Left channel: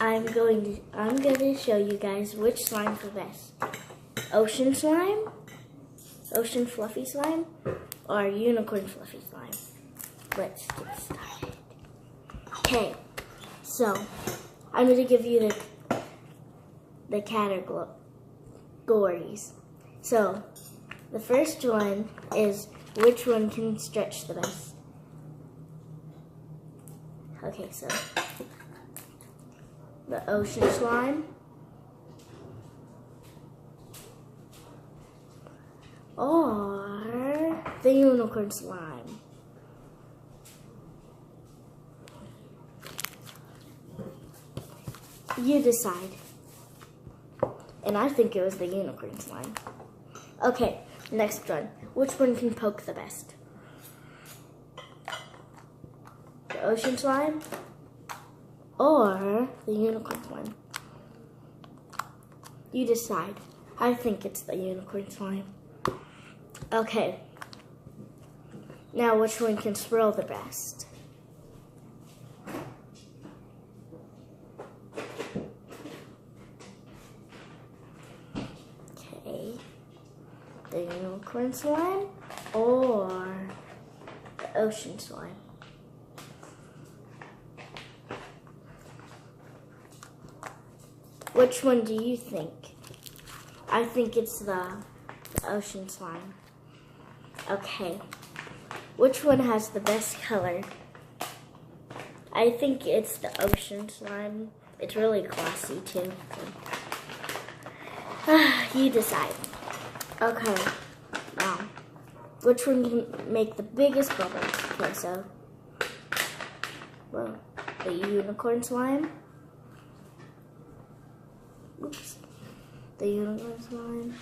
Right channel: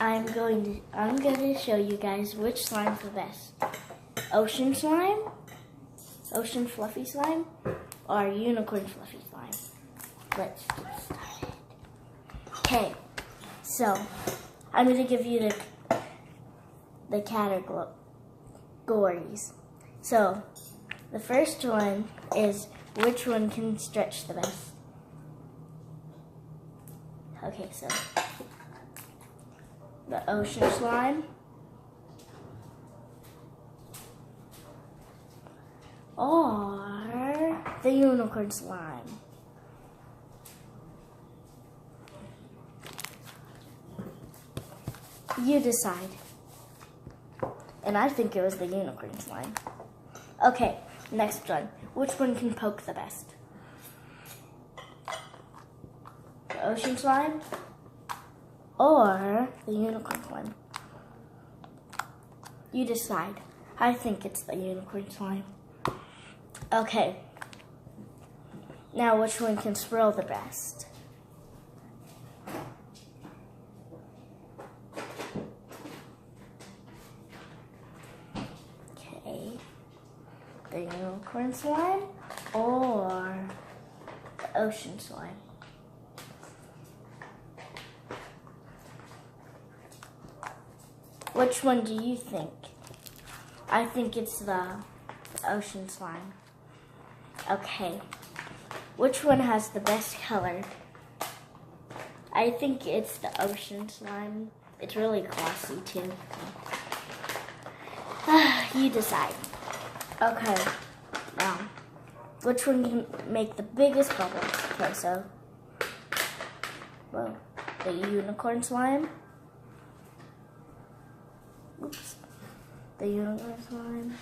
I'm going to show you guys which slime's the best. Ocean slime, ocean fluffy slime, or unicorn fluffy slime. Let's get started. Okay, so I'm going to give you the categories. So the first one is which one can stretch the best. Okay, so the ocean slime, or the unicorn slime. You decide. And I think it was the unicorn slime. Okay, next one. Which one can poke the best? The ocean slime or the unicorn slime? You decide. I think it's the unicorn slime. Okay. Now which one can swirl the best? Okay. The unicorn slime or the ocean slime? Which one do you think? I think it's the ocean slime. Okay. Which one has the best color? I think it's the ocean slime. It's really glossy too. You decide. Okay. Now, which one can make the biggest bubbles? Okay, so, well, the unicorn slime. Oops. The unicorn slime.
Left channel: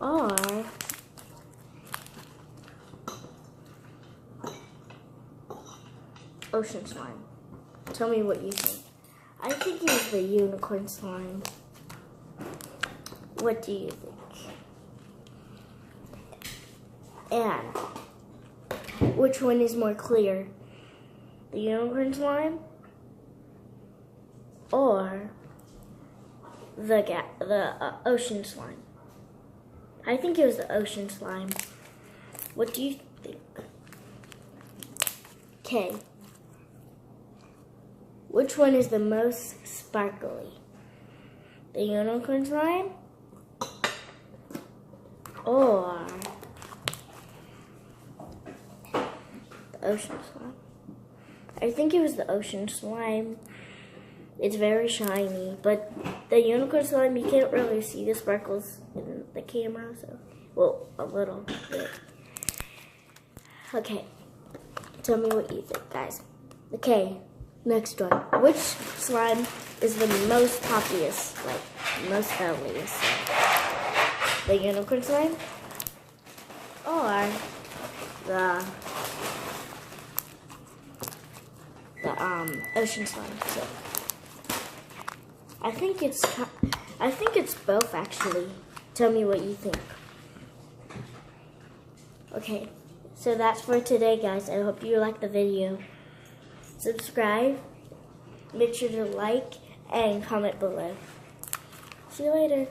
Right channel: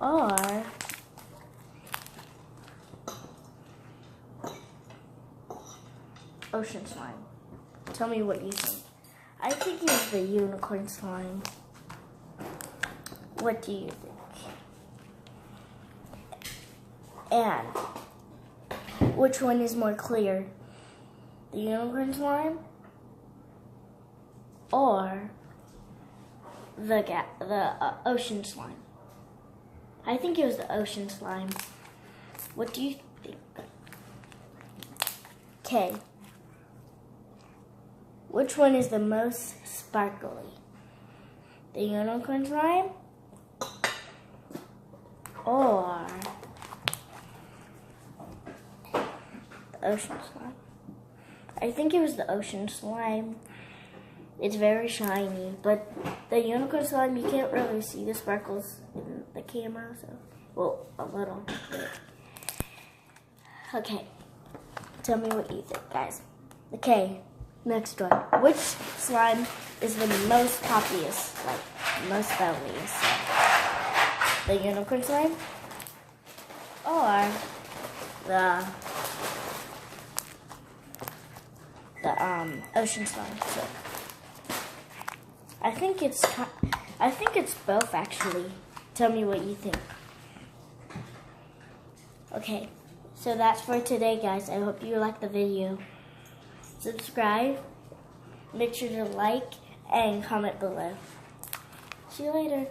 Or ocean slime. Tell me what you think. I think it's the unicorn slime. What do you think? And which one is more clear? The unicorn slime or the ocean slime? I think it was the ocean slime. What do you think? Okay. Which one is the most sparkly? The unicorn slime or the ocean slime? I think it was the ocean slime. It's very shiny, but the unicorn slime, you can't really see the sparkles in the camera, so, well, a little bit. Okay, tell me what you think, guys. Okay, next one. Which slime is the most populous, like, most bellies? The unicorn slime or the ocean slime? So, I think it's both, actually. Tell me what you think. Okay, so that's for today, guys. I hope you liked the video. Subscribe, make sure to like, and comment below. See you later.